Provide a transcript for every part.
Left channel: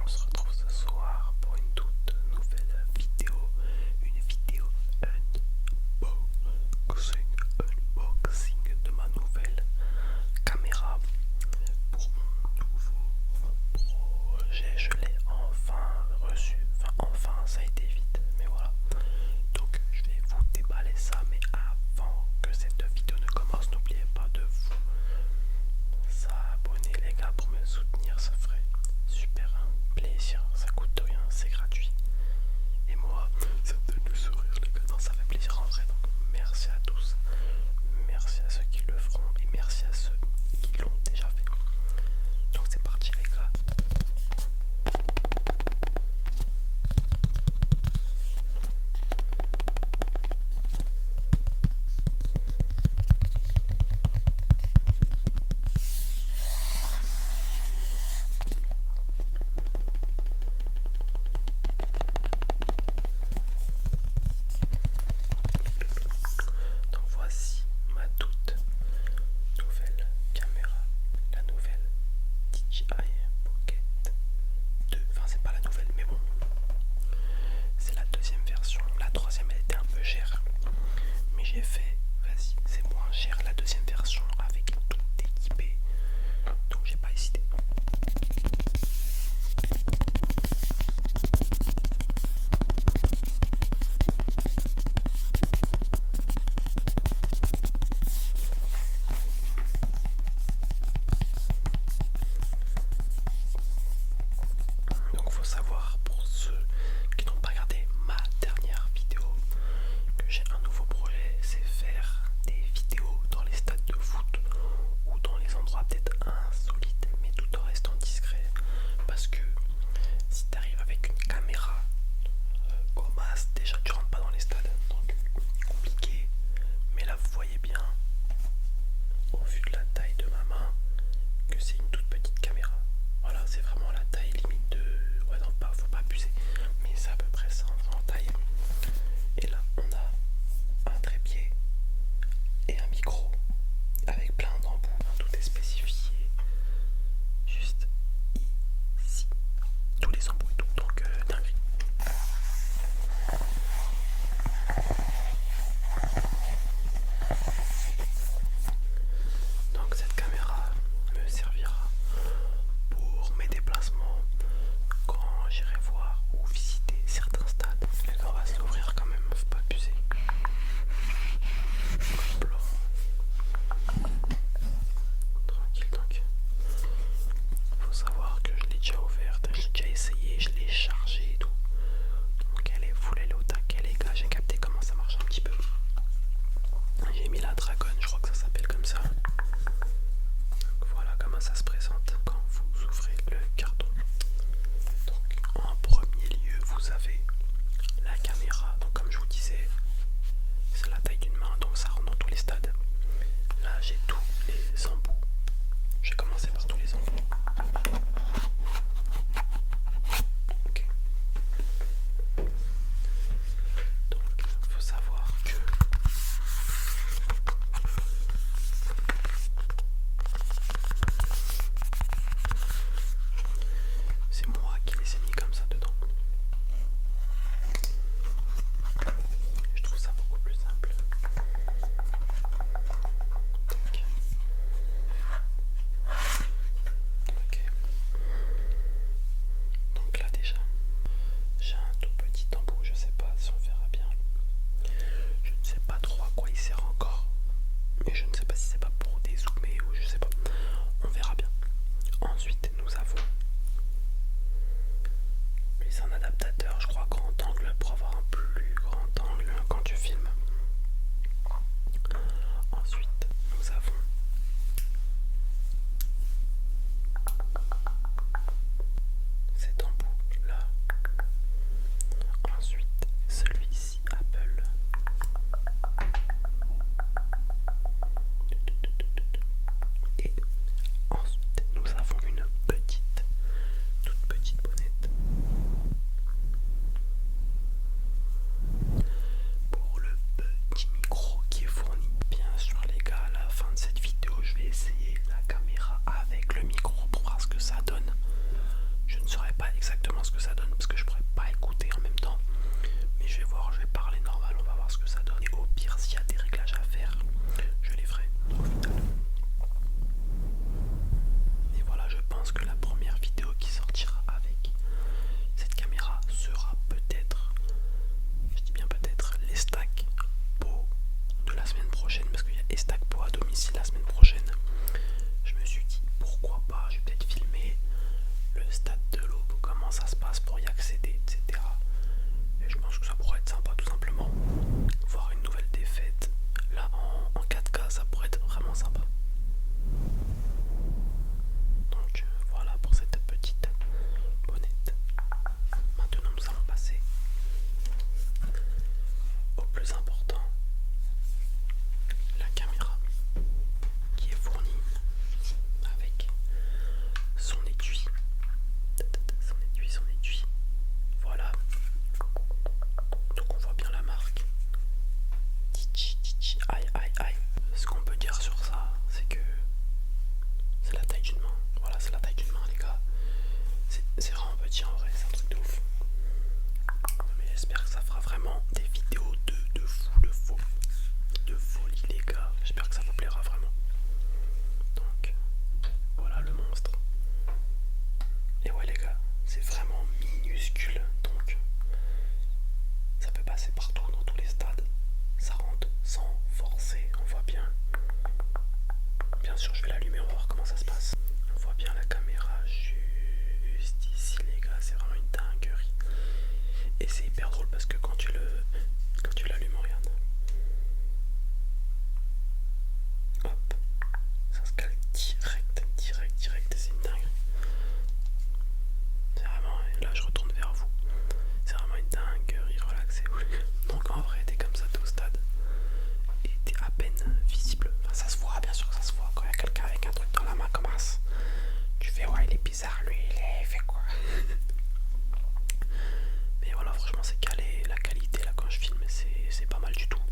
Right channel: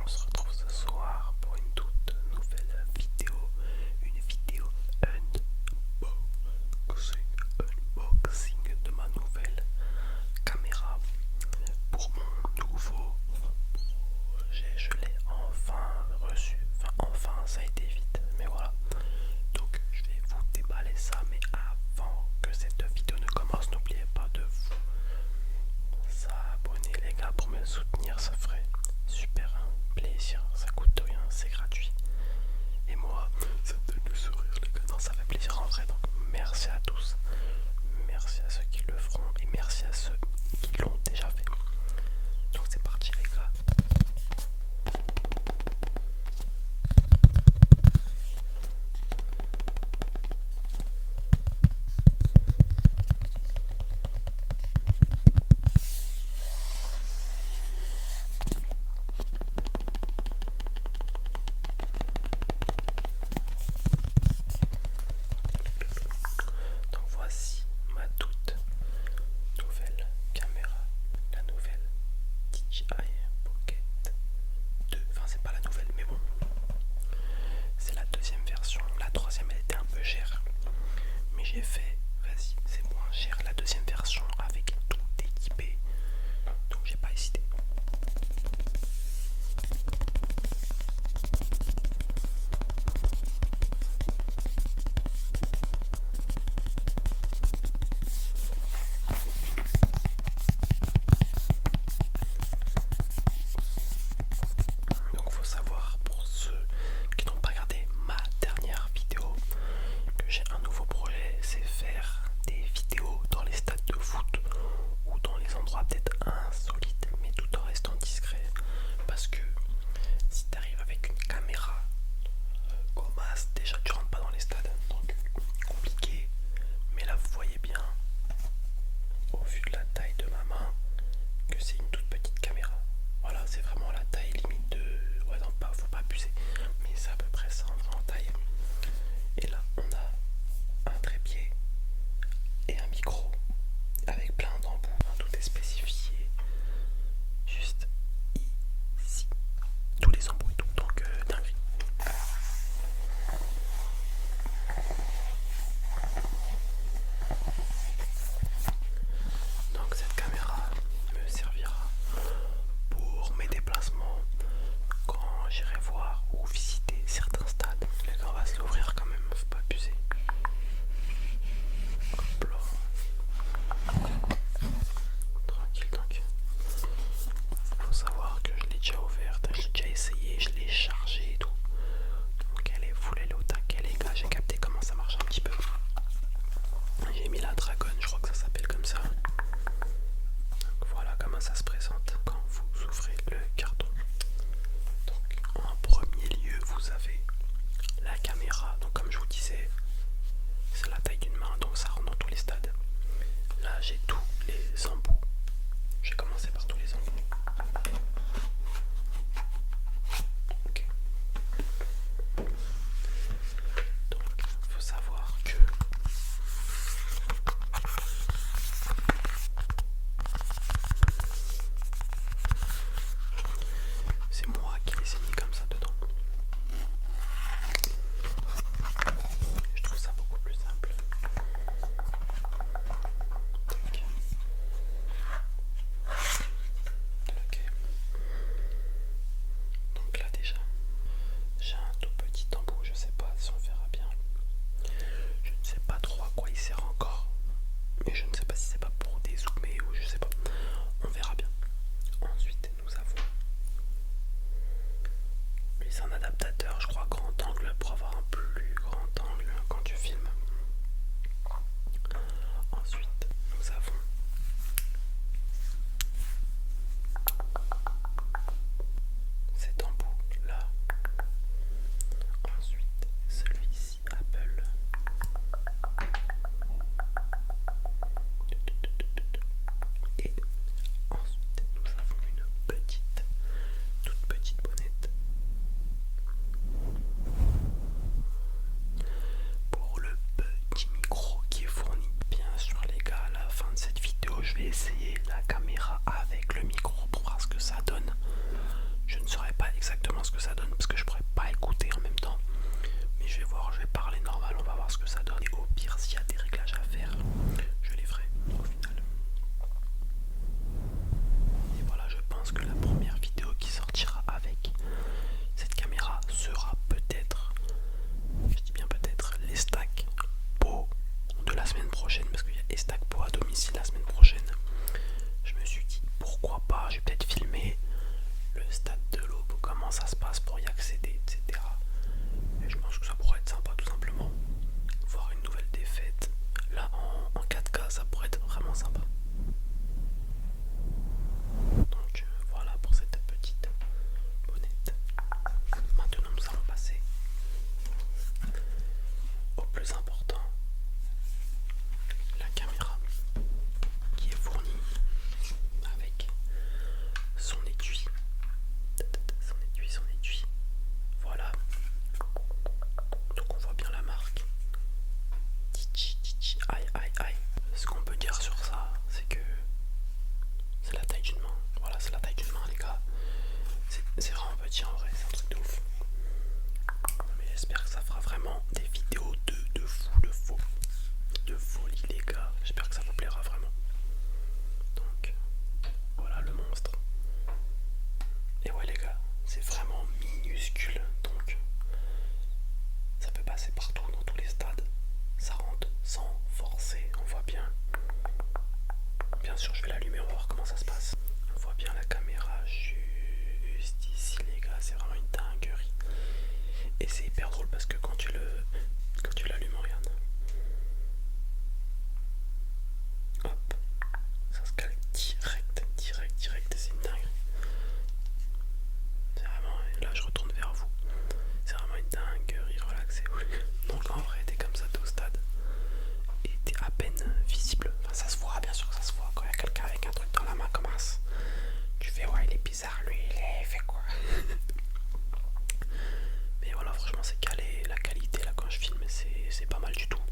On se retrouve ce soir pour une toute nouvelle vidéo, une vidéo unboxing de ma nouvelle caméra pour mon nouveau projet. Je l'ai enfin reçu, enfin ça a été vite, mais voilà. Donc je vais vous déballer ça, mais avant que cette vidéo ne commence, n'oubliez pas de vous abonner les gars pour me soutenir, ça ferait super plaisir, ça coûte rien, c'est gratuit. Et moi, ça me donne le sourire les gars, non, ça fait plaisir en vrai, donc merci à tous, merci à ceux qui le feront et merci à ceux qui l'ont déjà fait. Donc c'est parti les gars. Donc voici ma toute nouvelle caméra, la nouvelle DJI Pocket 2. Enfin c'est pas la nouvelle mais bon, c'est la deuxième version. La troisième elle était un peu chère, mais j'ai fait, vas-y c'est moins cher, la deuxième version avec tout équipé, donc j'ai pas hésité. Donc faut savoir pour ceux qui n'ont pas regardé ma dernière vidéo que j'ai un nouveau projet, c'est faire des vidéos dans les stades de foot ou dans les endroits peut-être insolites mais tout en restant discret, parce que si tu arrives avec une caméra comme as, déjà tu rentres pas dans les stades, donc compliqué. Mais là vous voyez bien au vu de la taille de ma main que c'est une toute petite caméra. Voilà, c'est vraiment la taille limite de... Ouais non, pas, faut pas abuser, mais c'est à peu près ça en vrai en taille. Et là on a un trépied et un micro avec plein d'embouts, tout est spécifié juste ici, tous les embouts et tout, donc dinguerie. Donc cette caméra me servira pour mes déplacements quand j'irai voir ou visiter certains stades. Les gars, on va se l'ouvrir quand même, faut pas abuser. Hop là. Tranquille donc. Faut savoir que je l'ai déjà ouverte, je l'ai déjà essayé, je l'ai chargée et tout. Donc elle est full, elle est au taquet les gars, j'ai capté comment ça marche un petit peu. J'ai mis la Dragon, je crois que ça s'appelle comme ça. Donc voilà comment ça se présente quand vous ouvrez le carton. Donc en premier lieu vous avez la caméra, donc comme je vous disais c'est la taille d'une main, donc ça rentre dans tous les stades. Là j'ai tous les embouts, je vais commencer par tous les embouts. Ok. Donc il faut savoir que c'est moi qui les ai mis comme ça dedans. Je trouve ça beaucoup plus simple. Ok. Ok. Donc là déjà, j'ai un tout petit embout, je sais pas si on verra bien. Je ne sais pas trop à quoi il sert encore. Mais je ne sais pas si c'est pas pour dézoomer ou je sais pas. On verra bien. Ensuite nous avons, lui c'est un adaptateur je crois grand angle pour avoir un plus grand angle quand tu filmes. Ensuite nous avons cet embout là. Ensuite celui-ci Apple. Et ensuite nous avons une petite, toute petite bonnette pour le stade de l'aube, comment ça se passe pour y accéder, etc. Et je pense que ça pourrait être sympa tout simplement. Voir une nouvelle défaite. Là en 4K ça pourrait être vraiment sympa. Donc voilà pour cette petite bonnette. Maintenant nous allons passer au plus important, la caméra qui est fournie avec son étui. Son étui. Voilà. Donc on voit bien la marque. Aïe aïe aïe. Ce qu'on peut dire sur ça, c'est que c'est la taille d'une main. Voilà, c'est la taille d'une main les gars. C'est vraiment petit en vrai, c'est un truc de ouf. Mais j'espère que ça fera vraiment des vidéos de fou, de folie les gars. J'espère que ça vous plaira vraiment. Donc voilà le monstre. Et ouais les gars, c'est vraiment minuscule. Donc ça peut passer partout dans tous les stades. Ça rentre sans forcer, on voit bien. Bien sûr je vais l'allumer, on va voir comment ça se passe. On voit bien la caméra juste ici les gars, c'est vraiment une dinguerie. Et c'est hyper drôle parce que quand tu l'allumes, regarde. Hop, ça se cale direct, c'est une dinguerie. C'est vraiment, et là je retourne vers vous. C'est vraiment une dinguerie, relaxez-vous. Donc en vrai t'es comme ça, t'es au stade. Et t'es à peine visible. Enfin ça se voit, bien sûr que ça se voit. Quand il y a quelqu'un avec un truc dans la main comme ça, tu fais ouais il est bizarre lui, il fait quoi. Mais voilà franchement c'est calé, la qualité là quand je filme c'est pas mal du tout.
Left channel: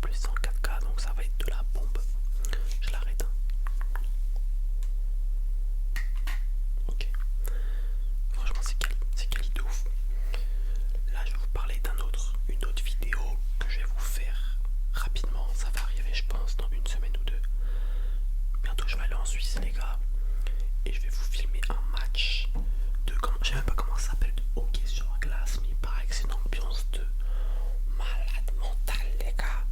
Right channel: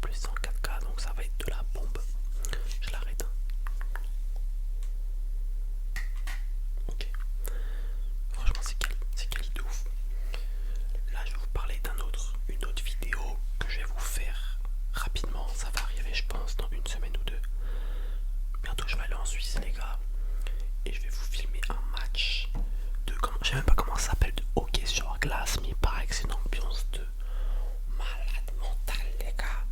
Plus en 4K donc ça va être de la bombe. Je l'arrête. Ok. Franchement c'est quali de ouf. Là je vais vous parler une autre vidéo que je vais vous faire rapidement. Ça va arriver je pense dans une semaine ou deux. Bientôt je vais aller en Suisse les gars. Et je vais vous filmer un match de je sais même pas comment ça s'appelle, de hockey sur glace, mais il paraît que c'est une ambiance de malade mental les gars.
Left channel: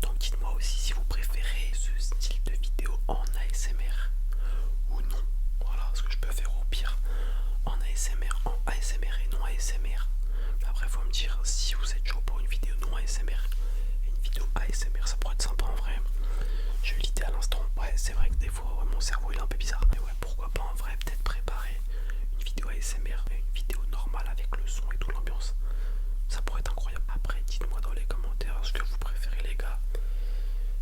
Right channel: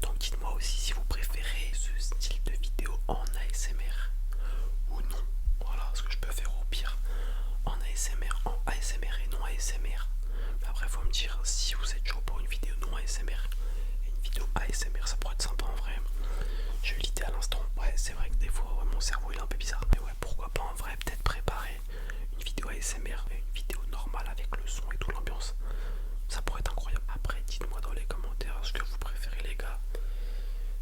Donc dites-moi aussi si vous préférez ce style de vidéo en ASMR ou non. Voilà ce que je peux faire au pire en ASMR, en ASMR et non ASMR. Mais après faut me dire si vous êtes chaud pour une vidéo non ASMR et une vidéo ASMR, ça pourrait être sympa en vrai. Je l'idée à l'instant, ouais c'est vrai que des fois ouais, mon cerveau il est un peu bizarre. Mais ouais pourquoi pas en vrai peut-être préparer une vidéo ASMR et une vidéo normale avec le son et tout l'ambiance. Ça pourrait être incroyable. Après dites-moi dans les commentaires ce que vous préférez les gars.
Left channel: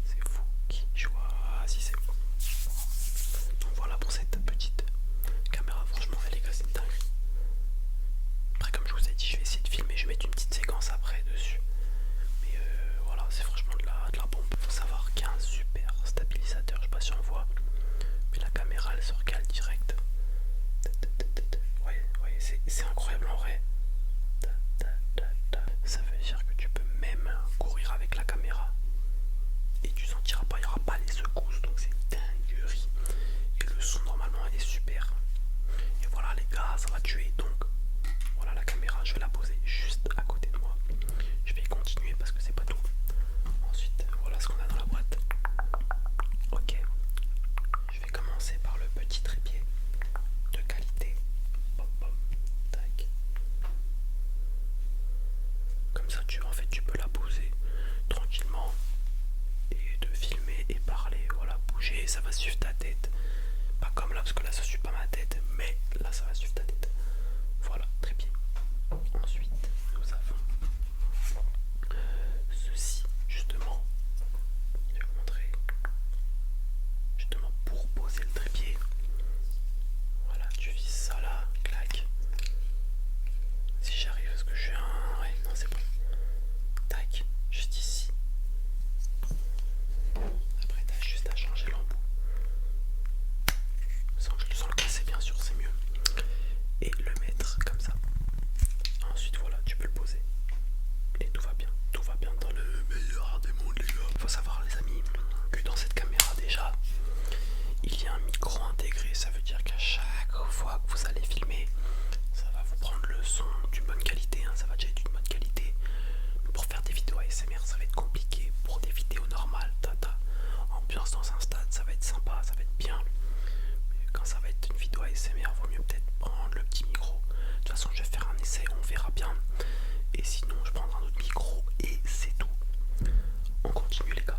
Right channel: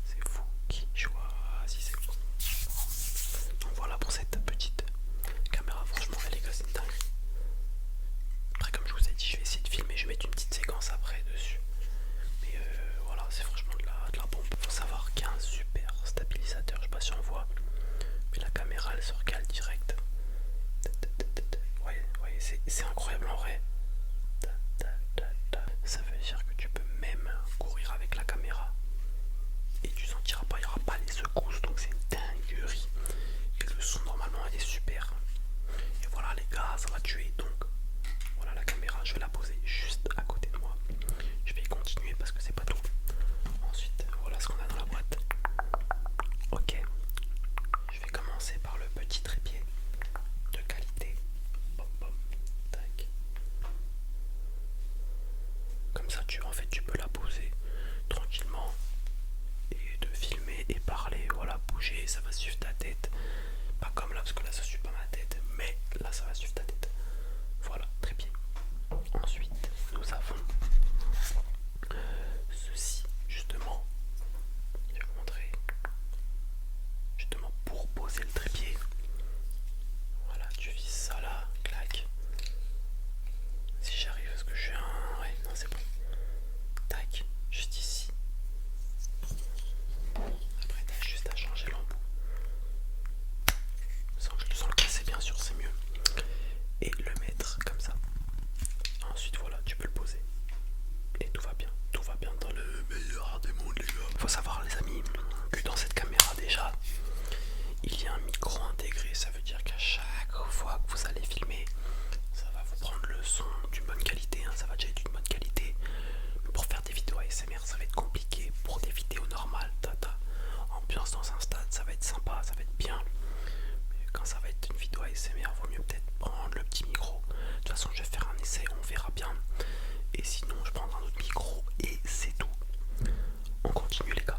C'est vous qui choisissez. Donc voilà pour cette petite caméra. Franchement les gars c'est une dinguerie. Après comme je vous ai dit je vais essayer de filmer. Je vais mettre une petite séquence après dessus. Mais voilà c'est franchement de la bombe. Faut savoir qu'il y a un super stabilisateur. Je sais pas si on voit. Mais la caméra elle se recale direct. Ouais c'est incroyable en vrai. Ça veut dire que tu peux même courir avec la caméra et tu sentiras pas, il n'y aura pas les secousses, donc c'est une dinguerie. Et le son normalement est super. Et voilà les gars, ça va tuer. Donc voilà la caméra, je vais la poser juste à côté de moi. Je vais continuer parce que c'est pas tout. Ensuite, voilà ce qu'on a dans la boîte. Ok, je vais commencer par le petit trépied de qualité. Pop, pop, tac. Comme ça tu peux la poser tranquillement et de filmer et parler, voilà, bouger, ça va suivre ta tête. Pas comme là parce que là ça suit pas ma tête, mais là ça va suivre ta tête. Voilà, très bien. Ensuite nous avons ceci justement. Je vais vous montrer justement pour poser le trépied. Voilà, tu vises ça là, clac. Si j'arrive, parce que je suis un... Ouais, non c'est bon. Tac, juste ici. Après t'as juste à changer l'embout. Sans le casser bien sûr, c'est mieux. toute façon je vais faire un essai, on verra bien. Et sinon je prendrai un autre micro et c'est tout. On continue les gars.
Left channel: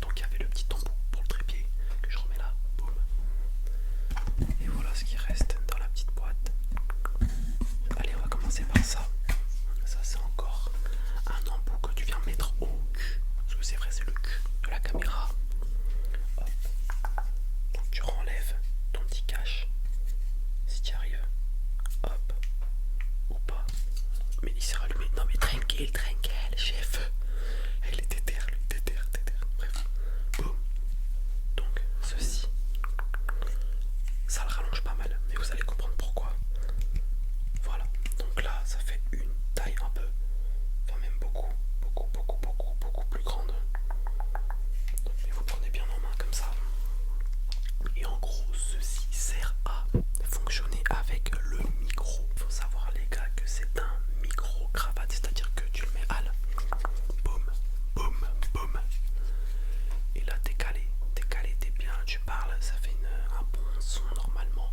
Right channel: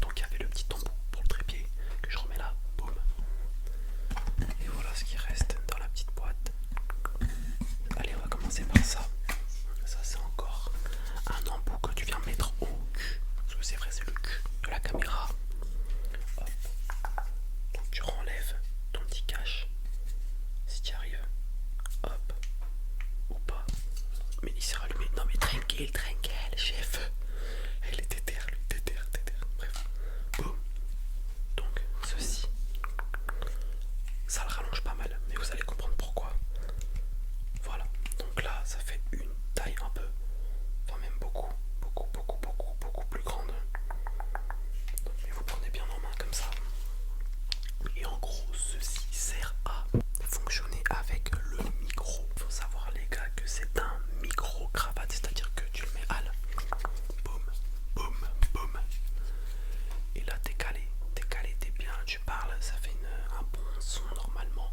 Donc il y avait le petit embout pour le trépied que je remets là, boum. Et voilà ce qui reste dans la petite boîte. Allez, on va commencer par ça. Ça c'est encore un embout que tu viens mettre au cul. Parce que c'est vrai, c'est le cul de la caméra. Hop. Donc tu renlèves ton petit cache. Si tu y arrives. Hop. Ou pas. Mais il s'est rallumé. Non mais tranquille, chef. Il était terre, lui, terre. Bref. Boum. Donc ceci. Ça le rallonge pas mal. Mais vous allez comprendre pourquoi. Voilà. Donc là, ça fait une taille un peu. Enfin même beaucoup plus grande. Mais vous prenez bien en main comme ça. Et en gros, ceci sert à fonctionner avec le micro. Faut savoir les gars que c'est un micro cravate, c'est-à-dire que tu le mets à la boum, boum, boum. Et là t'es calé, t'es bien, tu parles, ça fait un bon son normalement.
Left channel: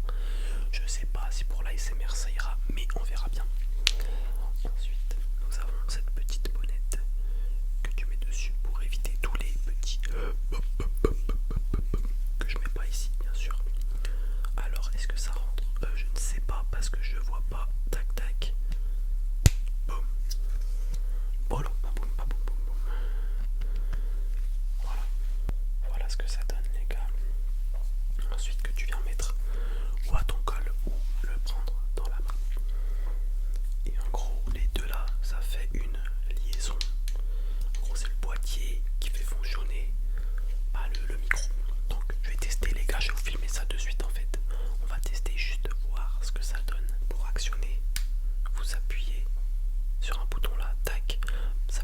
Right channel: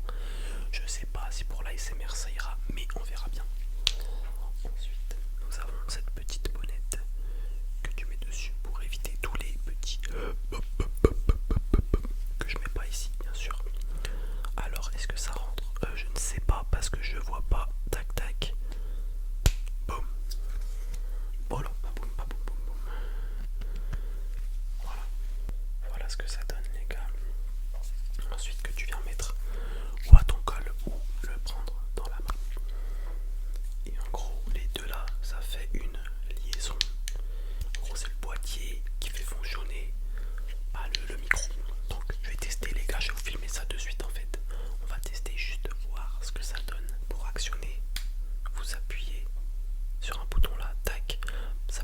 Je sais pas si pour l'ASMR ça ira, mais on verra bien. Ensuite, nous avons cette petite bonnette que tu mets dessus pour éviter tous les petits que je mets pas ici, bien sûr. Alors, est-ce que ça rentre? Je ne sais pas parce que je vois pas. Tac, tac. Boum. Voilà, boum, boum, boum, boum. Voilà. Voilà ce que ça donne, les gars. Ensuite, que tu viens mettre ou à ton col ou le prendre dans la main. Et en gros, les deux là, ça fait une liaison. En gros, c'est le boîtier qui fait fonctionner le micro. Donc, je vais tester, les gars. Je vais vous filmer ça de suite en fait. On va tester juste voir ce que ça donne pour actionner. Vous appuyez sur un bouton là, tac. Ça